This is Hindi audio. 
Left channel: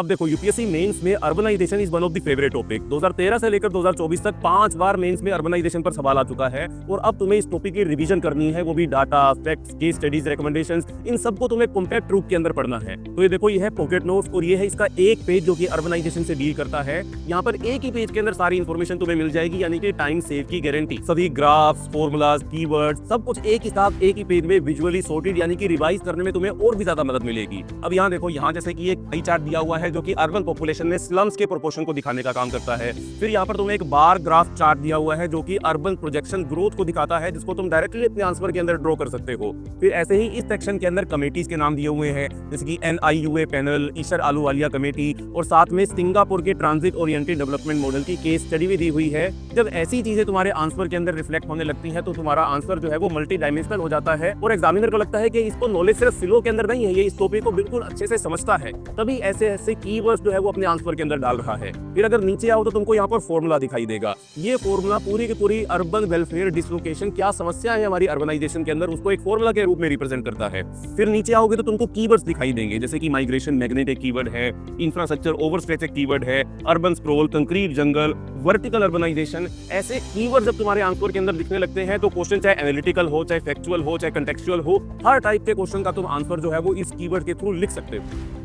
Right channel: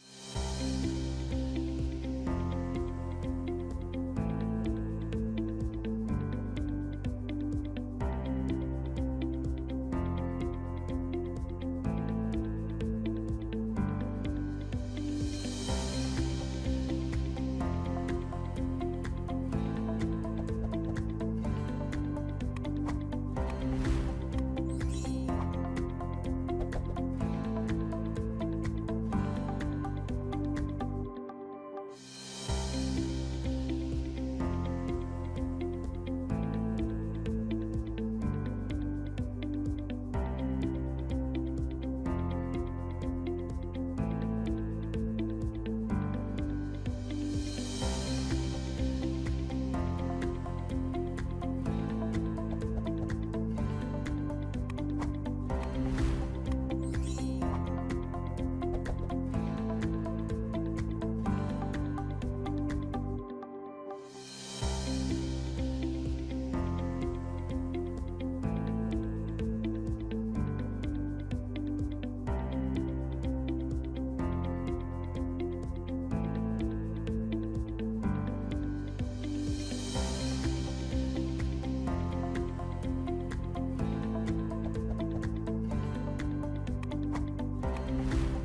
अब देखो यूपीएससी मेंस में urbanization is one of the favourite topic. 2013 से लेकर 2024 तक 5 बार मेंस में अर्बनाइजेशन पर सवाल आ चुका है और अब तुम्हें इस टॉपिक की रिवीजन करनी है, वो भी data, facts, case studies, recommendations, इन सबको तुम्हें कॉम्पैक्ट रूप के अंदर पढ़ना है। तो ये देखो, ये है पॉकेट नोट्स और ये है इसका एक पेज जो कि अर्बनाइजेशन से डील करता है। यहाँ पर एक ही पेज के अंदर सारी इन्फॉर्मेशन तुम्हें मिल जाएगी, यानी कि टाइम सेव की गारंटी। सभी ग्राफ्स, फॉर्मूलाज, कीवर्ड्स, सब कुछ एक ही साथ एक ही पेज में विजुअली सॉर्टेड, यानी कि रिवाइज करने में तुम्हें और भी ज्यादा मदद मिलेगी। अब यहाँ देखो, यहाँ जैसे कि एक पाई चार्ट दिया हुआ है जो कि अर्बन पॉपुलेशन में स्लम्स के प्रोपोर्शन को दिखाने का काम करता है। फिर यहाँ पर तुम्हें एक बार ग्राफ चार्ट दिया हुआ है जो कि अर्बन प्रोजेक्शन ग्रोथ को दिखाता है, जिसको तुम डायरेक्टली अपने आंसर के अंदर ड्रॉ कर सकते हो। फिर ऐसे ही इस सेक्शन के अंदर कमेटीज के नाम दिए हुए हैं, जैसे कि NIUA panel, Ishar Ahluwalia committee, और साथ में सिंगापुर के ट्रांजिट ओरिएंटेड डेवलपमेंट मॉडल की केस स्टडी भी दी हुई है। जब ऐसी चीजें तुम्हारे आंसर के अंदर रिफ्लेक्ट होने लगती है तो तुम्हारा आंसर जो है वो मल्टी डायमेंशनल हो जाता है और एग्जामिनर को लगता है कि इसको नॉलेज सिर्फ फिलो के अंदर नहीं है, ये इस टॉपिक को बिल्कुल अच्छे से समझता है, तभी ऐसे ऐसे कीवर्ड्स जो है वो अपने आंसर के अंदर डाल रहा है। फिर अगर नीचे आओ तो तुमको यहाँ पर फॉर्मूला दिखाई देगा। ये फॉर्मूला पूरी की पूरी अर्बन वेलफेयर डिसलोकेशन, क्या समस्या है हमारी अर्बनाइजेशन के अंदर, उसको एक फॉर्मूला के रूप में रिप्रेजेंट करता है। फिर नीचे आओगे तो तुमको कीवर्ड्स दिखाई देंगे, जैसे कि माइग्रेशन मैग्नेट एक कीवर्ड है, इंफ्रास्ट्रक्चर ओवरस्ट्रेच एक कीवर्ड है, अर्बन स्क्रॉल, कंक्रीट जंगल, वर्टिकल अर्बनाइजेशन। ऐसे कीवर्ड जब तुम्हारे आंसर के अंदर दिखने लगते हैं तो क्वेश्चन चाहे एनालिटिकल हो, चाहे फैक्चुअल हो, चाहे कंटेक्चुअल हो, हर टाइप के क्वेश्चन का तुम आंसर जो है वो इस कीवर्ड के थ्रू लिख सकते हो।